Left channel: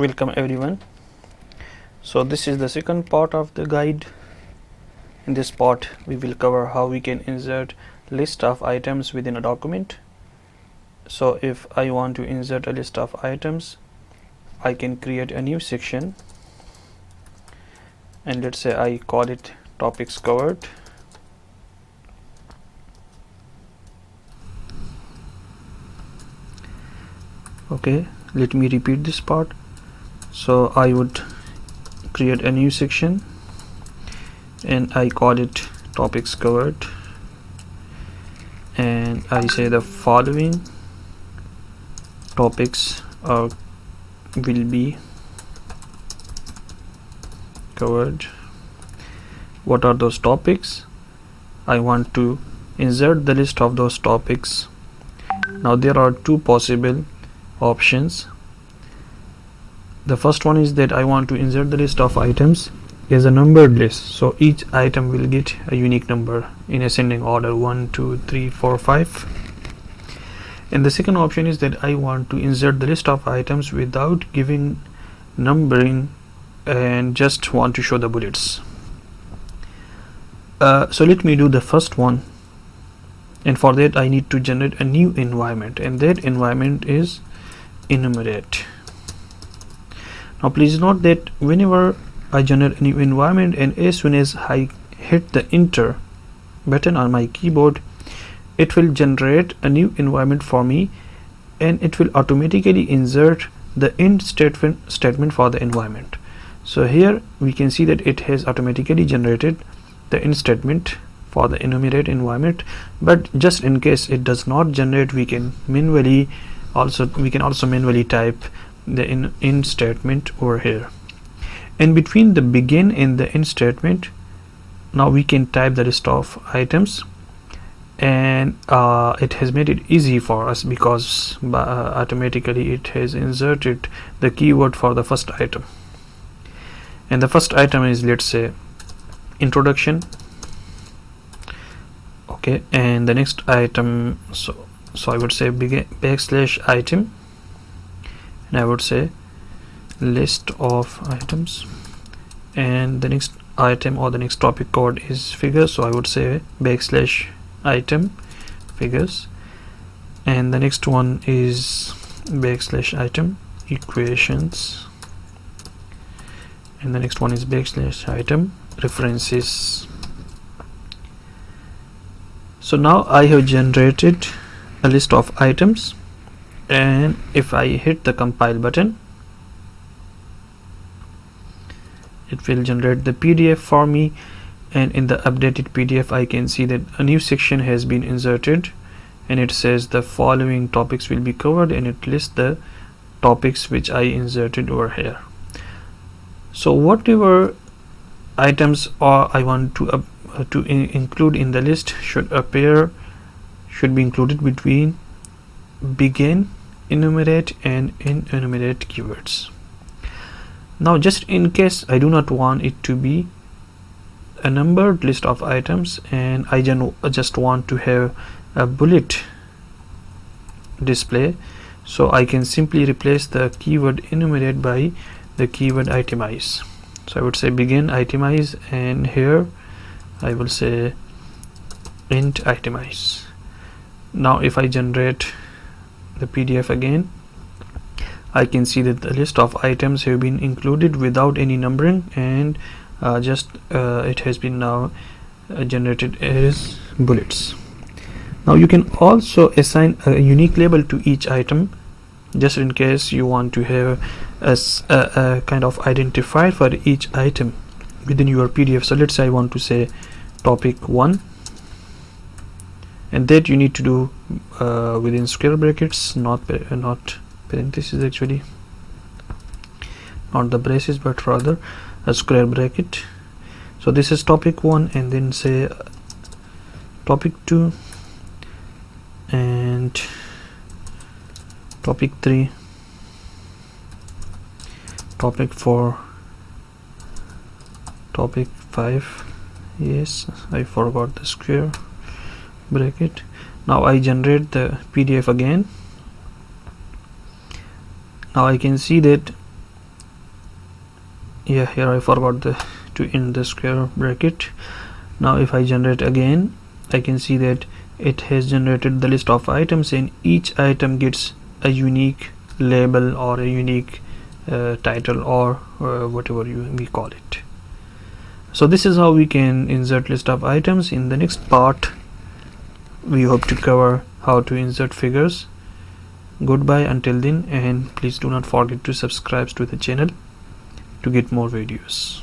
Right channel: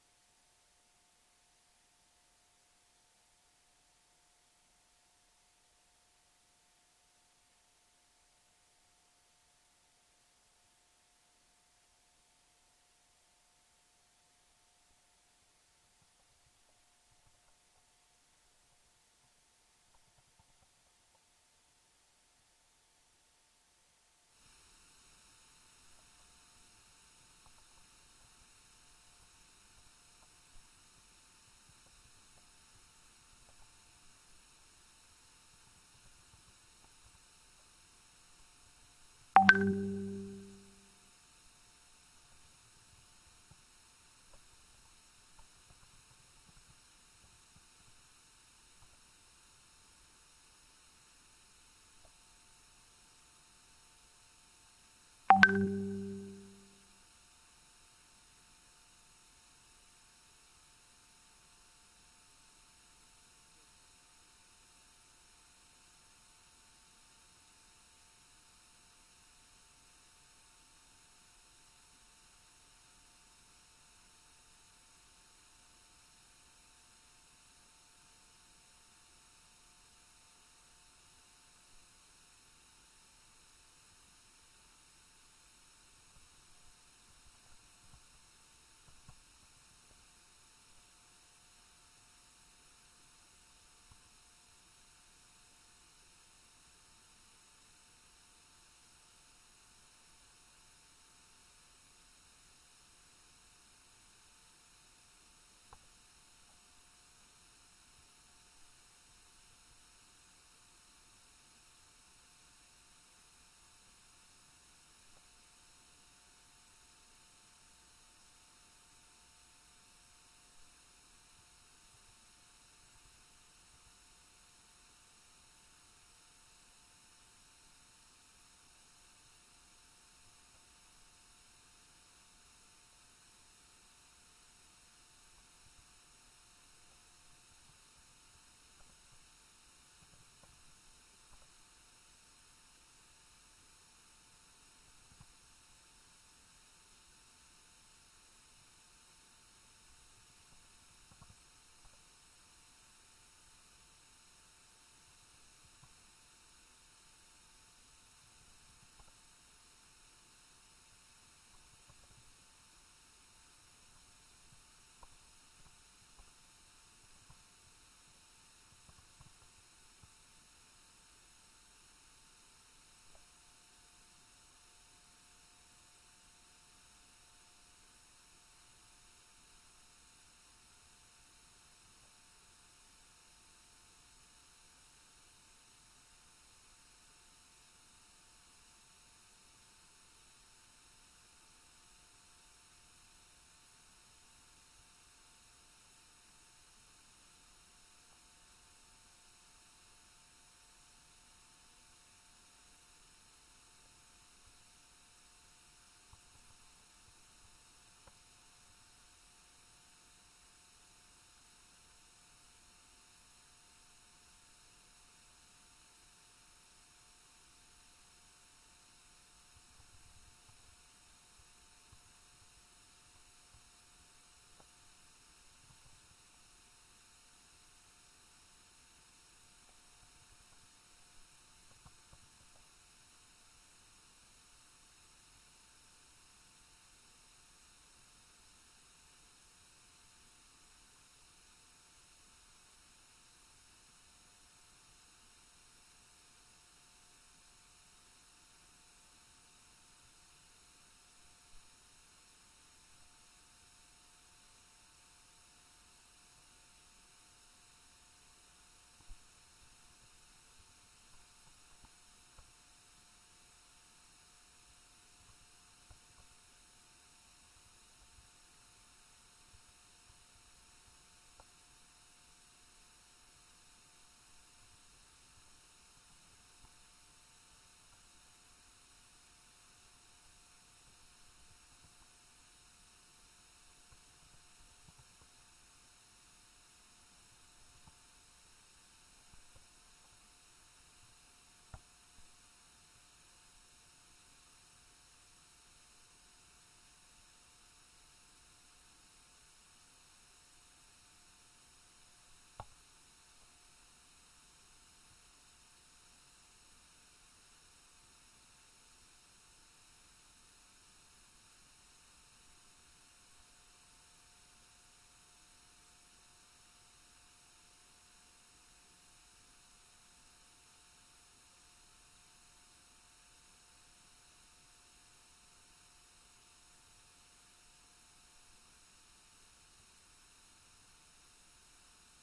Welcome everyone. So this is the second part of the guide. In this part we will cover how we can insert list of items within a document. So if I want to insert a list of items, I can create a new section and let's say I call it topics covered. Okay, let me repeat this part. So I would create a new section and I call it topics covered, and I say the following topics will be covered. What are those topics? I want to insert the list of those topics. Now there are two possible options. The first one is that I want to insert the list of items as a numbered list, so each item will get a unique number in ascending order 1 2 3 4 5. And the second option is that I want to insert the list of items without giving numbering and just want to show the bullets. So let me do the first one, and for that I need to generate a new environment, and that environment is enumerate. Now please note that whenever I generate a new environment and as soon as I hit the enter button on my keyboard, it will generate a new environment for me and it will automatically insert the end statement for the environment. So here we can see that it has automatically generated the end statement for the enumerate environment, but just in case it does not generate, we can also manually type the end statement over here. And between the begin and the end statement, now we can type the list of items, and it has made it easy for us because automatically it has inserted the keyword for the first item, and the first item is, let's say, introduction. Okay, and the next item, so I would say backslash item, and I would say list of items, and the next item or the next topic code is figures, so I would say backslash item figures, and the next one is backslash item equations, and the next one is backslash item references. So now I have generated a list of items, and if I hit the compile button, it will generate the PDF for me, and in the updated PDF I can see that a new section has been inserted, and it says the following topics will be covered, and it lists the topics which I inserted over here. So whatever items I want to include in the list should be included between begin, enumerate and enumerate keywords. Now just in case I do not want it to be a numbered list of items and I just want to have a bullet display, so I can simply replace the keyword enumerate by the keyword itemize. So I would say begin itemize, and here I will say end itemize. Now if I generate the PDF again, I can see that the list of items have been included without any numbering, and it has been now generated as bullets. Now you can also assign a unique label to each item, just in case you want to have a kind of identifier for each item within your PDF. So let's say I want to say topic 1, and that you need to do within square brackets, not parentheses, actually not the braces but rather a square bracket. So this is topic 1, and then say topic 2 and topic 3, topic 4, topic 5. Yes, I forgot the square bracket. Now I generate the PDF again. Now I can see that yeah, here I forgot to end the square bracket. Now if I generate again, I can see that it has generated the list of items, and each item gets a unique label or a unique title, or whatever we call it. So this is how we can insert list of items. In the next part we hope to cover how to insert figures. Goodbye until then, and please do not forget to subscribe to the channel to get more videos.